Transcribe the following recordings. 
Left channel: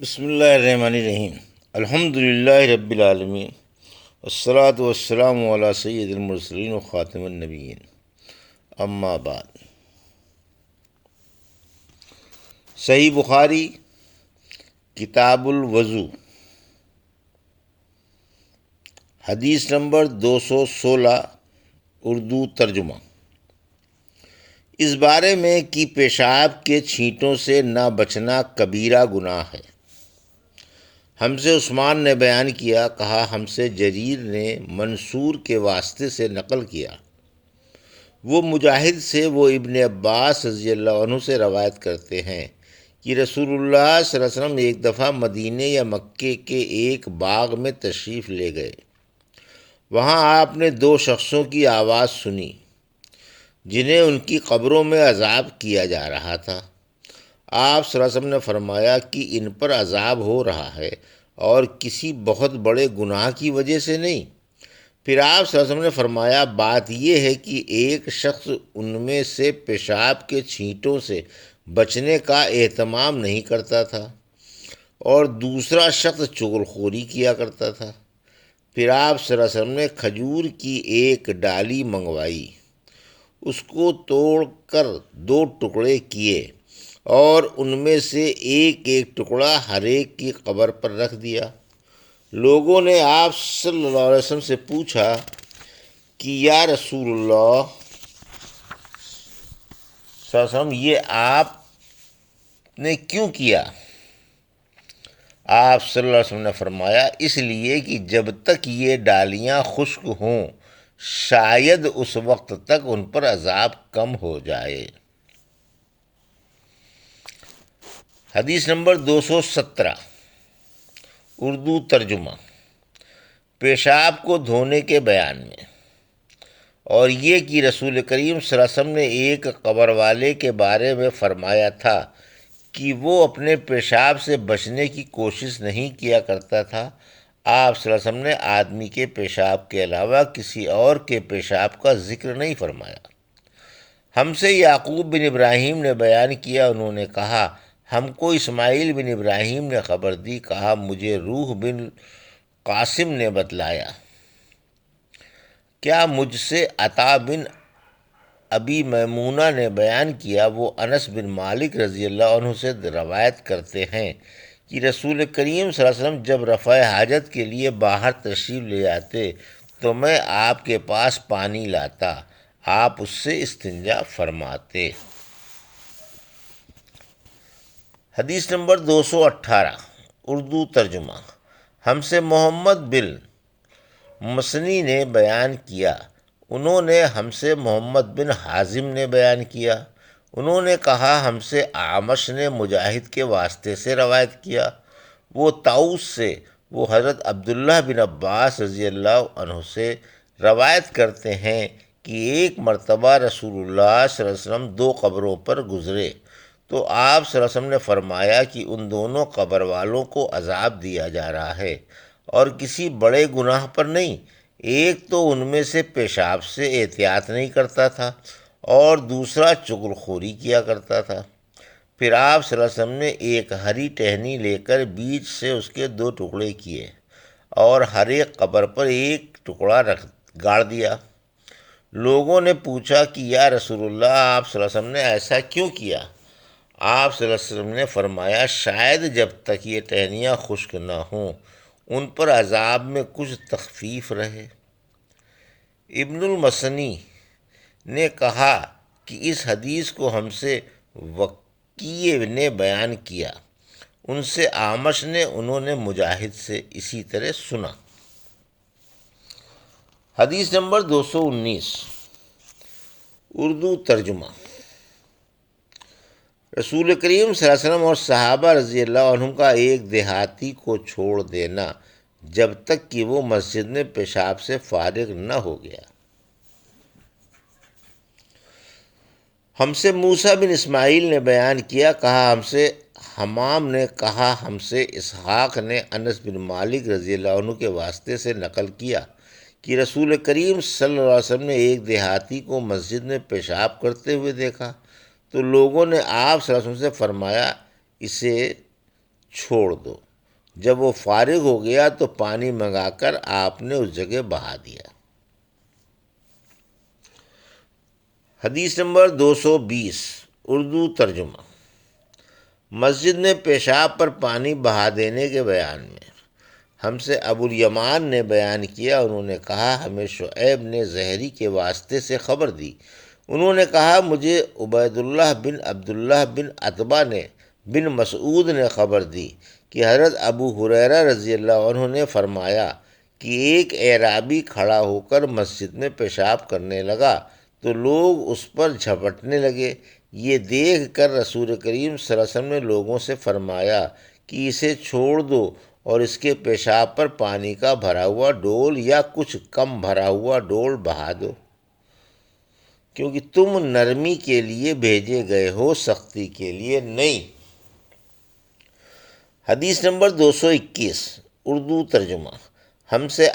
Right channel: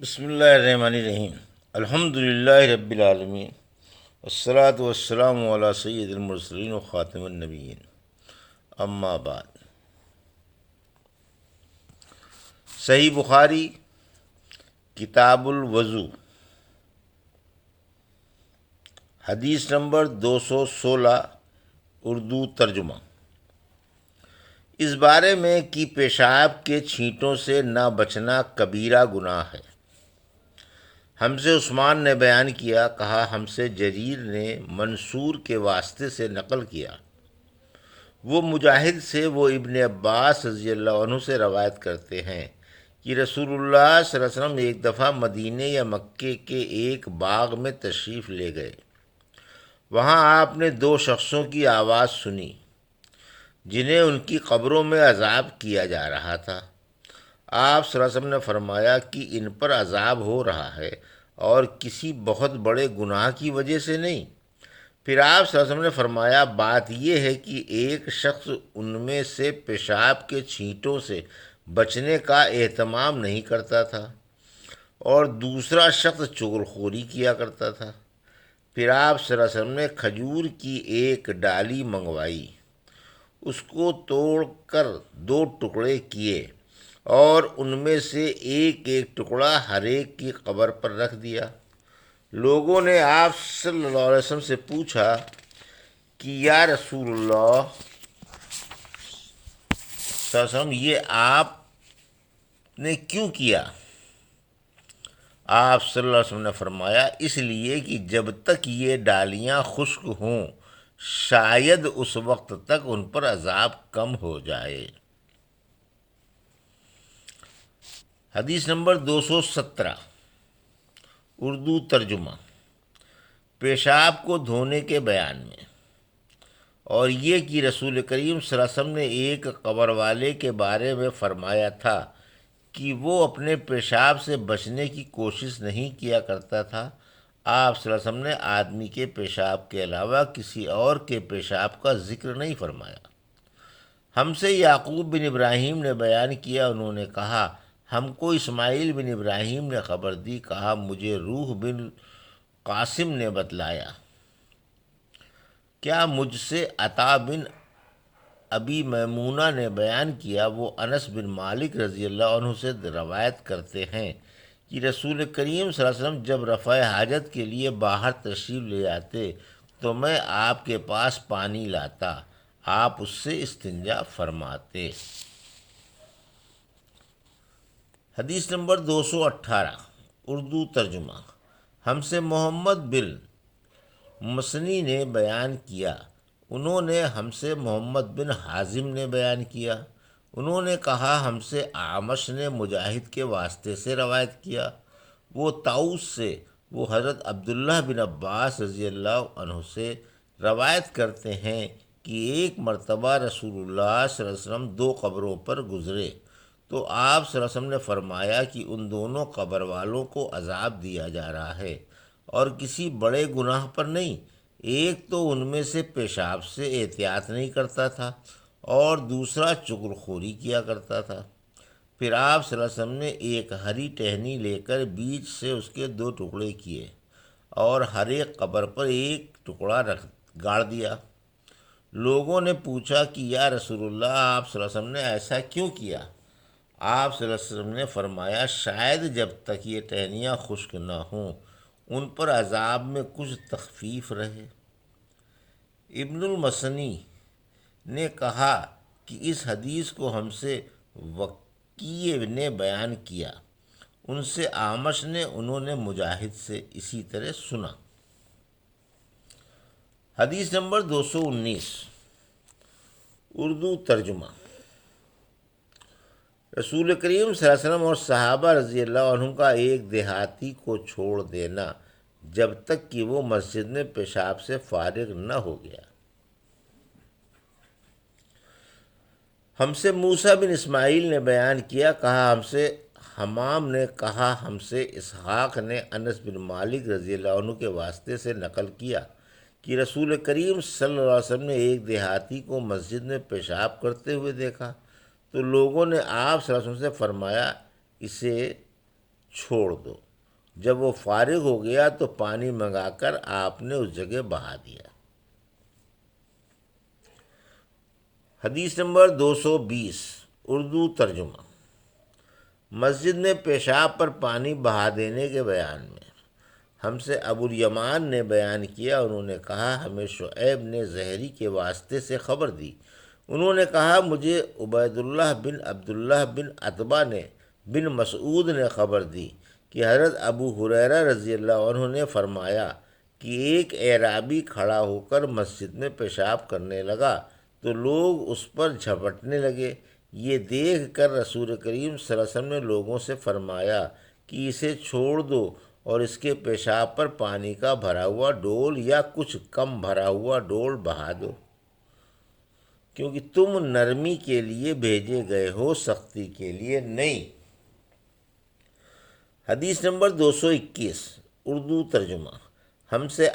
بسم اللہ الرحمن الرحیم۔ الحمد للہ رب العالمین، والصلاة والسلام علی سید المرسلین و خاتم النبیین، اما بعد۔ صحیح بخاری کتاب الوضو، حدیث نمبر 216، اردو ترجمہ۔ اس بارے میں کہ پیشاب کے چھینٹوں سے نہ بچنا کبیرہ گناہ ہے، ہم سے عثمان نے بیان کیا، کہا ہم سے جریر نے منصور کے واسطے سے نقل کیا، وہ مجاہد سے، وہ ابن عباس رضی اللہ عنہ سے روایت کرتے ہیں کہ رسول اللہ صلی اللہ علیہ وسلم ایک دفعہ مدینے یا مکے کے ایک باغ میں تشریف لے گئے۔ وہاں آپ نے دو شخصوں کی آواز سنی جنہیں ان کی قبروں میں عذاب کیا جا رہا تھا۔ آپ صلی اللہ علیہ وسلم نے فرمایا کہ ان پر عذاب ہو رہا ہے اور کسی بہت بڑے گناہ کی وجہ سے نہیں۔ پھر آپ صلی اللہ علیہ وسلم نے فرمایا، بات یہ ہے کہ ایک شخص ان میں سے پیشاب کے چھینٹوں سے بچنے کا اہتمام نہیں کرتا تھا اور دوسرا شخص چغلخوری کیا کرتا تھا۔ پھر آپ صلی اللہ علیہ وسلم نے کھجور کی ایک ڈالی منگوائی، اس کو توڑ کر دو ٹکڑے کیے اور ان میں سے ایک ایک ٹکڑا ہر ایک کی قبر پر رکھ دیا۔ لوگوں نے آپ صلی اللہ علیہ وسلم سے پوچھا کہ یا رسول اللہ صلی اللہ علیہ وسلم، یہ آپ نے کیوں کیا؟ آپ صلی اللہ علیہ وسلم نے فرمایا، اس لیے کہ جب تک یہ ڈالیاں خشک ہوں شاید اس وقت تک ان پر عذاب کم ہو جائے۔ حدیث نمبر 217، اردو ترجمہ۔ پیشاب کو دھونے کے بیان میں، اور یہ کہ رسول کریم صلی اللہ علیہ وسلم نے ایک قبر والے کے بارے میں فرمایا تھا کہ وہ اپنے پیشاب سے بچنے کی کوشش نہیں کیا کرتا تھا۔ آپ صلی اللہ علیہ وسلم نے آدمی کے پیشاب کے علاوہ کسی اور کے پیشاب کا ذکر نہیں فرمایا۔ ہم سے یعقوب بن ابراہیم نے بیان کیا، انہوں نے کہا ہم کو اسماعیل بن ابراہیم نے خبر دی، کہا مجھے روح بن قاسم نے بتلایا، کیا مجھ سے عطا بن ابی میمونہ نے بیان کیا، وہ انس بن مالک رضی اللہ عنہ سے روایت کرتے ہیں کہ رسول کریم صلی اللہ علیہ وسلم جب رفع حاجت کے لیے باہر تشریف لے جاتے تو میں آپ کے پاس پانی لاتا، آپ اس سے استنجا فرماتے۔ حدیث نمبر 218، اردو ترجمہ۔ ہم سے محمد بن مسنی نے بیان کیا، انہوں نے ہم سے محمد بن حازم نے بیان کیا، انہوں نے کہا ہم سے اعمش نے مجاہد کے واسطے سے روایت کیا، وہ طاؤس سے، وہ حضرت عبداللہ بن عباس رضی اللہ عنہ سے روایت کرتے ہیں کہ ایک مرتبہ رسول اللہ صلی اللہ علیہ وسلم دو قبروں پر گزرے تو آپ صلی اللہ علیہ وسلم نے فرمایا کہ ان دونوں قبر والوں کو عذاب دیا جا رہا ہے اور کسی بڑے گناہ پر نہیں۔ ایک تو ان میں سے پیشاب سے احتیاط نہیں کرتا تھا اور دوسرا چغلخوری کیا کرتا تھا۔ پھر آپ صلی اللہ علیہ وسلم نے ایک ہری ٹہنی لے کر بیچ سے اس کے دو ٹکڑے کیے اور ہر ایک قبر پر ایک ٹکڑا گاڑ دیا۔ لوگوں نے پوچھا کہ یا رسول اللہ، آپ صلی اللہ علیہ وسلم نے ایسا کیوں کیا؟ آپ صلی اللہ علیہ وسلم نے فرمایا، شاید جب تک یہ ٹہنیاں خشک نہ ہوں ان پر عذاب میں کچھ تخفیف رہے۔ ابن المسنی نے کہا کہ اس حدیث کو ہم سے وکیع نے بیان کیا، ان سے اعمش نے، انہوں نے مجاہد سے اسی طرح سنا۔ حدیث نمبر 219، اردو ترجمہ۔ رسول کریم صلی اللہ علیہ وسلم اور صحابہ رضی اللہ عنہ کا ایک دیہاتی کو چھوڑ دینا جب تک کہ وہ مسجد میں پیشاب سے فارغ نہ ہو گیا۔ ہم سے موسیٰ بن اسماعیل نے بیان کیا، کہا ہم سے حمام نے، کہا ہم سے اسحاق نے انس بن مالک رضی اللہ عنہ کے واسطے سے نقل کیا کہ رسول کریم صلی اللہ علیہ وسلم نے ایک دیہاتی کو مسجد میں پیشاب کرتے ہوئے دیکھا تو لوگوں نے آپ صلی اللہ علیہ وسلم سے فرمایا، اسے چھوڑ دو۔ جب وہ فارغ ہو گیا تو پانی منگا کر آپ نے اس جگہ بہا دیا۔ حدیث نمبر 220 اردو ترجمہ۔ مسجد میں پیشاب پر پانی بہا دینے کے بیان میں ہم سے ابو الیمان نے بیان کیا، انہوں نے کہا ہمیں شعیب نے زہری کے واسطے سے خبر دی، انہوں نے کہا مجھے عبید اللہ بن عبداللہ بن عتبہ نے بن مسعود نے خبر دی کہ حضرت ابو ہریرہ رضی اللہ عنہ نے فرمایا کہ ایک اعرابی کھڑا ہو کر مسجد میں پیشاب کرنے لگا تو لوگ اس پر جھپٹنے لگے۔ یہ دیکھ کر رسول کریم صلی اللہ علیہ وسلم نے لوگوں سے فرمایا کہ اسے چھوڑ دو اور اس کے پیشاب پر پانی کا بھرا ہوا ڈول یا کچھ کم بھرا ہوا ڈول بہا دو، کیونکہ تم نرمی کے لیے بھیجے گئے ہو، سختی کے لیے نہیں۔ حدیث نمبر 221 اردو ترجمہ۔ ہم سے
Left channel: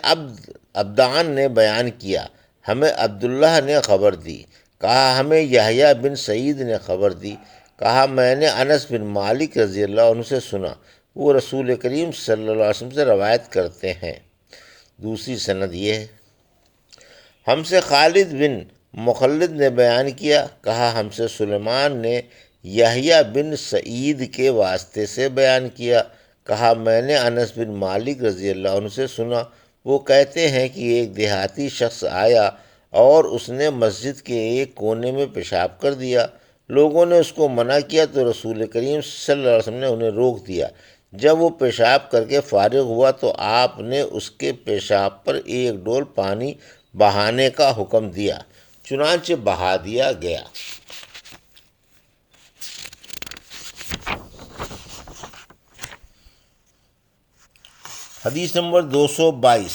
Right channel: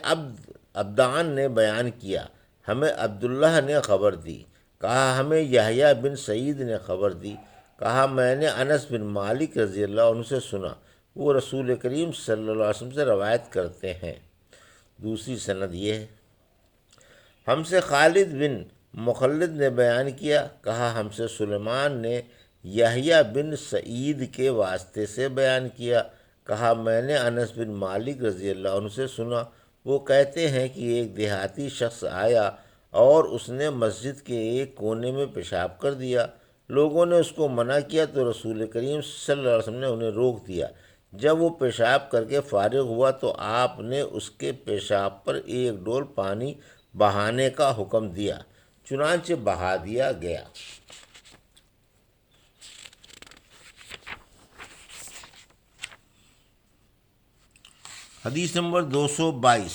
عبدان نے بیان کیا، ہمیں عبداللہ نے خبر دی، کہا ہمیں یحییٰ بن سعید نے خبر دی، کہا میں نے انس بن مالک رضی اللہ عنہ سے سنا، وہ رسول کریم صلی اللہ علیہ وسلم سے روایت کرتے ہیں۔ دوسری سند یہ ہے۔ ہم سے خالد بن مخلد نے بیان کیا، کہا ہم سے سلیمان نے یحییٰ بن سعید کے واسطے سے بیان کیا، کہا میں نے انس بن مالک رضی اللہ عنہ سے سنا، وہ کہتے ہیں کہ ایک دیہاتی شخص آیا اور اس نے مسجد کے ایک کونے میں پیشاب کر دیا۔ لوگوں نے اس کو منع کیا تو رسول کریم صلی اللہ علیہ وسلم نے انہیں روک دیا۔ جب وہ پیشاب کر کے فارغ ہوا تو آپ نے اس کے پیشاب پر ایک ڈول پانی بہانے کا حکم دیا، چنانچہ بہا دیا گیا۔ حدیث نمبر 222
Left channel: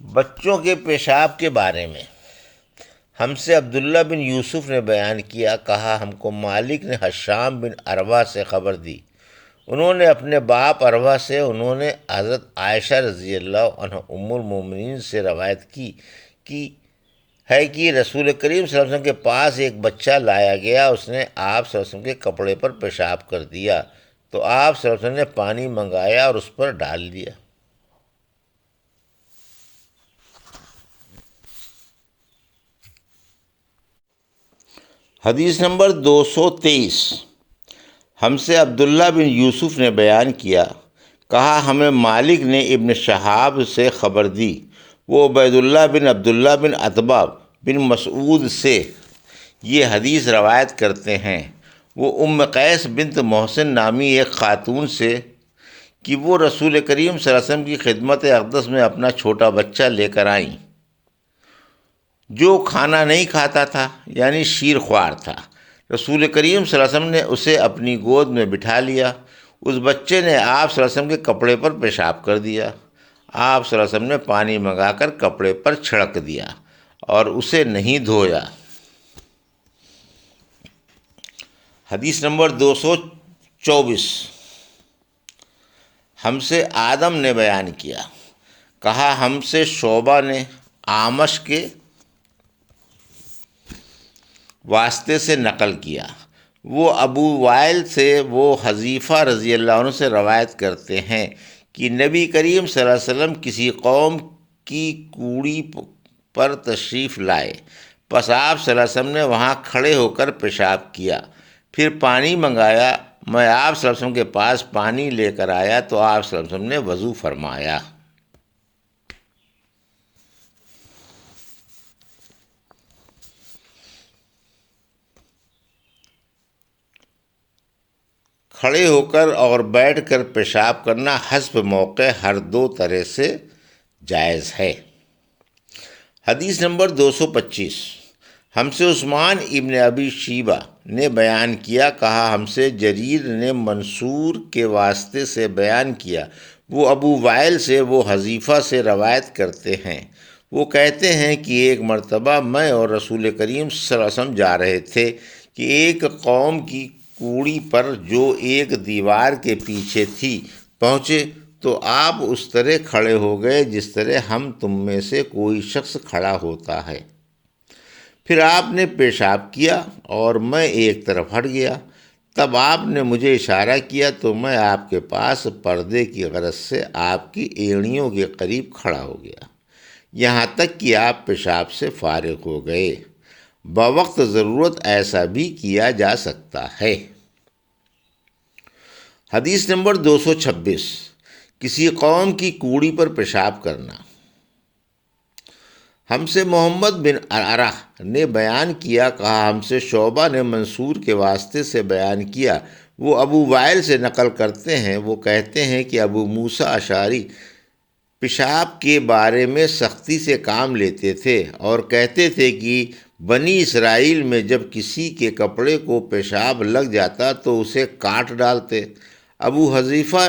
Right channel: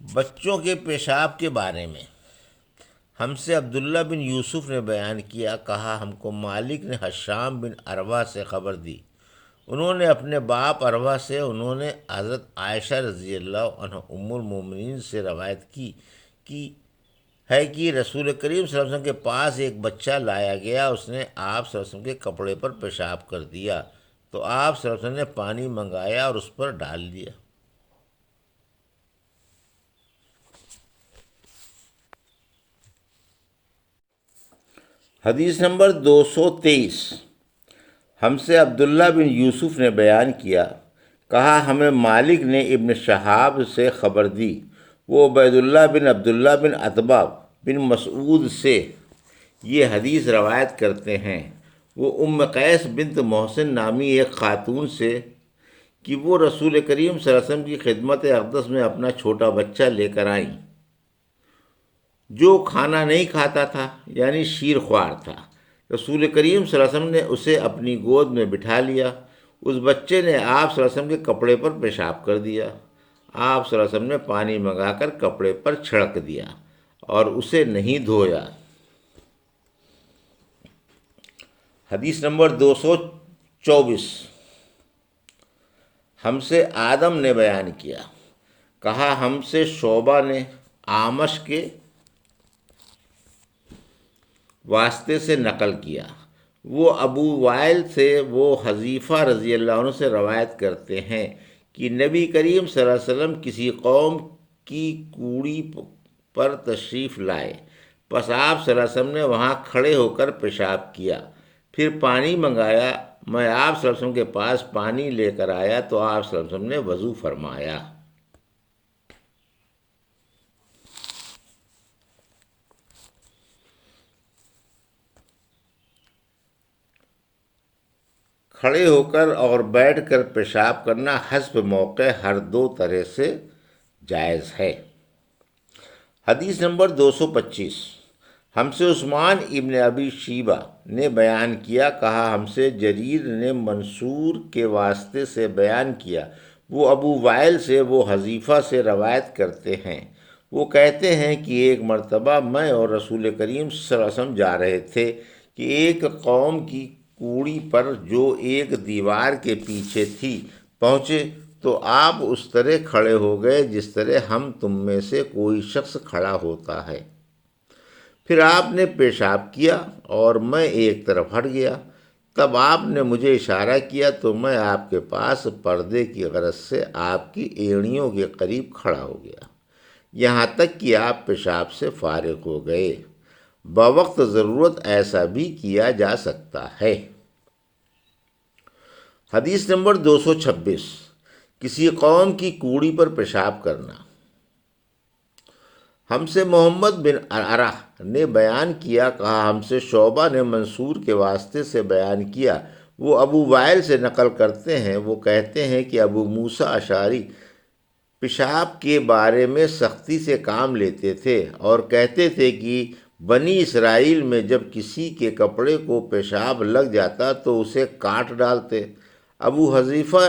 بچوں کے پیشاب کے بارے میں ہم سے عبداللہ بن یوسف نے بیان کیا، کہا ہم کو مالک نے حشام بن عروہ سے خبر دی، انہوں نے اپنے باپ عروہ سے، انہوں نے حضرت عائشہ رضی اللہ عنہ ام المومنین سے روایت کی کہ رسول کریم صلی اللہ علیہ وسلم کے پاس ایک بچہ لایا گیا، اس نے آپ صلی اللہ علیہ وسلم کے کپڑے پر پیشاب کر دیا تو آپ صلی اللہ علیہ وسلم نے پانی منگایا اور اس پر ڈال دیا۔ حدیث نمبر 223 ہم سے عبداللہ بن یوسف نے بیان کیا، کہا ہمیں مالک نے ابن شہاب سے خبر دی، وہ عبید اللہ بن عبداللہ بن عتبہ بن مسعود سے یہ حدیث روایت کرتے ہیں، وہ ام قیس بنت محسن نامی ایک خاتون سے کہ وہ رسول کریم صلی اللہ علیہ وسلم کی خدمت اقدس میں اپنا چھوٹا بچہ لے کر آئیں جو کھانا نہیں کھاتا تھا، یعنی شیر خوار تھا۔ رسول کریم صلی اللہ علیہ وسلم نے اسے اپنی گود میں بٹھا لیا، اس بچے نے آپ صلی اللہ علیہ وسلم کے کپڑے پر پیشاب کر دیا، آپ صلی اللہ علیہ وسلم نے پانی منگا کر کپڑے پر چھڑک دیا اور اسے نہیں دھویا۔ حدیث نمبر 224 ہم سے آدم نے بیان کیا، کہا ہم سے شعبہ نے اعمش کے واسطے سے نقل کیا، وہ ابو وائل سے، وہ حذیفہ رضی اللہ عنہ سے روایت کرتے ہیں کہ نبی کریم صلی اللہ علیہ وسلم کسی قوم کی کوڑی پر تشریف لائے، پس آپ صلی اللہ علیہ وسلم نے وہاں کھڑے ہو کر پیشاب کیا، پھر پانی منگایا، میں آپ صلی اللہ علیہ وسلم کے پاس پانی لے کر آیا تو آپ صلی اللہ علیہ وسلم نے وضو فرمایا۔ کھڑے ہو کر اور بیٹھ کر پیشاب کرنا حسب موقع ہر دو طرح سے جائز ہے۔ حدیث نمبر 225 ہم سے عثمان ابن ابی شیبہ نے بیان کیا، کہا ہم سے جریر نے منصور کے واسطے سے بیان کیا، وہ ابو وائل سے، وہ حذیفہ سے روایت کرتے ہیں، وہ کہتے ہیں کہ ایک مرتبہ میں اور رسول کریم صلی اللہ علیہ وسلم جا رہے تھے کہ ایک قوم کی کوڑی پر جو ایک دیوار کے پیچھے تھی پہنچے تو آپ اس طرح کھڑے ہو گئے جس طرح ہم تم میں سے کوئی شخص کھڑا ہوتا ہے، پھر آپ نے پیشاب کیا اور میں ایک طرف ہٹ گیا، تب آپ نے مجھے اشارہ کیا تو میں آپ کے پاس پردے کی غرض سے آپ کی ایڑیوں کے قریب کھڑا ہو گیا، یہاں تک کہ آپ پیشاب سے فارغ ہو گئے۔ بوقت ضرورت ایسا بھی کیا جا سکتا ہے۔ حدیث نمبر 226، کسی قوم کی کوڑی پر پیشاب کرنا۔ ہم سے محمد بن عرہ نے بیان کیا، کہا ہم سے شعبہ نے منصور کے واسطے سے بیان کیا، وہ ابو وائل سے نقل کرتے ہیں، وہ کہتے ہیں کہ ابو موسیٰ اشعری پیشاب کے بارے میں سختی سے کام لیتے تھے اور کہتے تھے کہ بنی اسرائیل میں جب کسی کے کپڑے کو پیشاب لگ جاتا تو اسے کاٹ ڈالتے۔ ابو حذیفہ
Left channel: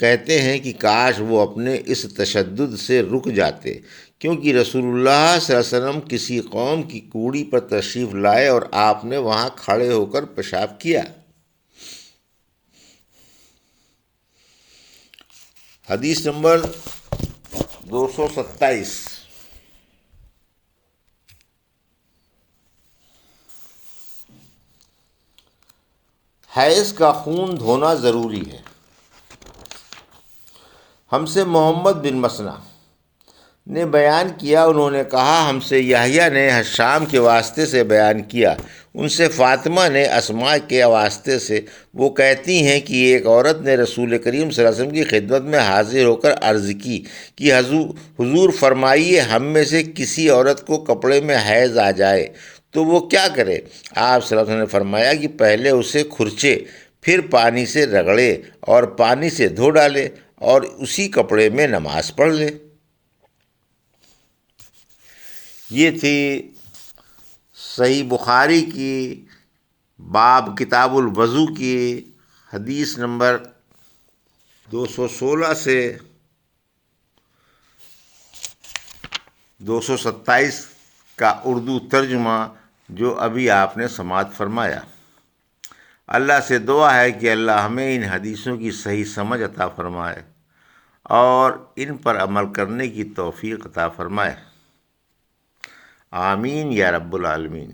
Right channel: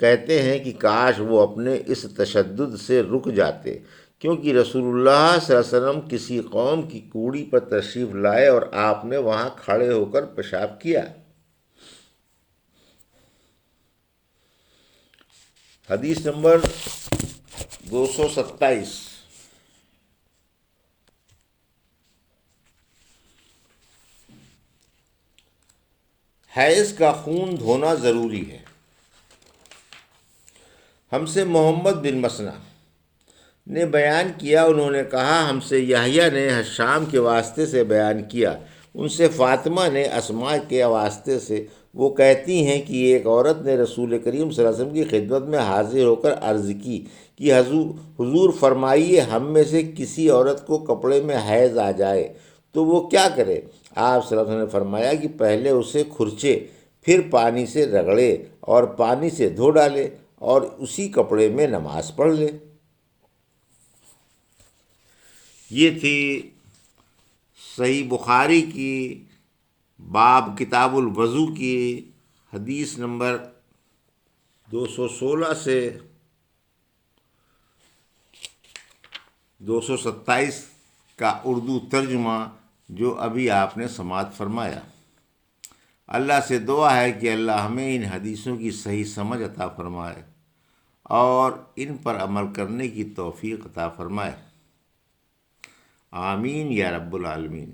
کہتے ہیں کہ کاش وہ اپنے اس تشدد سے رک جاتے، کیونکہ رسول اللہ صلی اللہ علیہ وسلم کسی قوم کی کوڑی پر تشریف لائے اور آپ نے وہاں کھڑے ہو کر پیشاب کیا۔ حدیث نمبر 227، حیض کا خون دھونا ضروری ہے۔ ہم سے محمد بن مسنہ نے بیان کیا، انہوں نے کہا ہم سے یحییٰ نے حشام کے واسطے سے بیان کیا، ان سے فاطمہ نے اسماء کے واسطے سے، وہ کہتی ہیں کہ ایک عورت نے رسول کریم صلی اللہ علیہ وسلم کی خدمت میں حاضر ہو کر عرض کی کہ حضور فرمائیے ہم میں سے کسی عورت کو کپڑے میں حیض آ جائے تو وہ کیا کرے؟ آپ صلی اللہ علیہ وسلم نے فرمایا کہ پہلے اسے کھرچے، پھر پانی سے رگڑے اور پانی سے دھو ڈالے اور اسی کپڑے میں نماز پڑھ لے۔ یہ تھی صحیح بخاری کی باب کتاب الوضو کی حدیث نمبر 216 سے 227 کا اردو ترجمہ جو ابھی آپ نے سماعت فرمایا۔ اللہ سے دعا ہے کہ اللہ ہمیں ان حدیثوں کی صحیح سمجھ عطا فرمائے اور ان پر عمل کرنے کی توفیق عطا فرمائے۔ آمین یا رب العالمین۔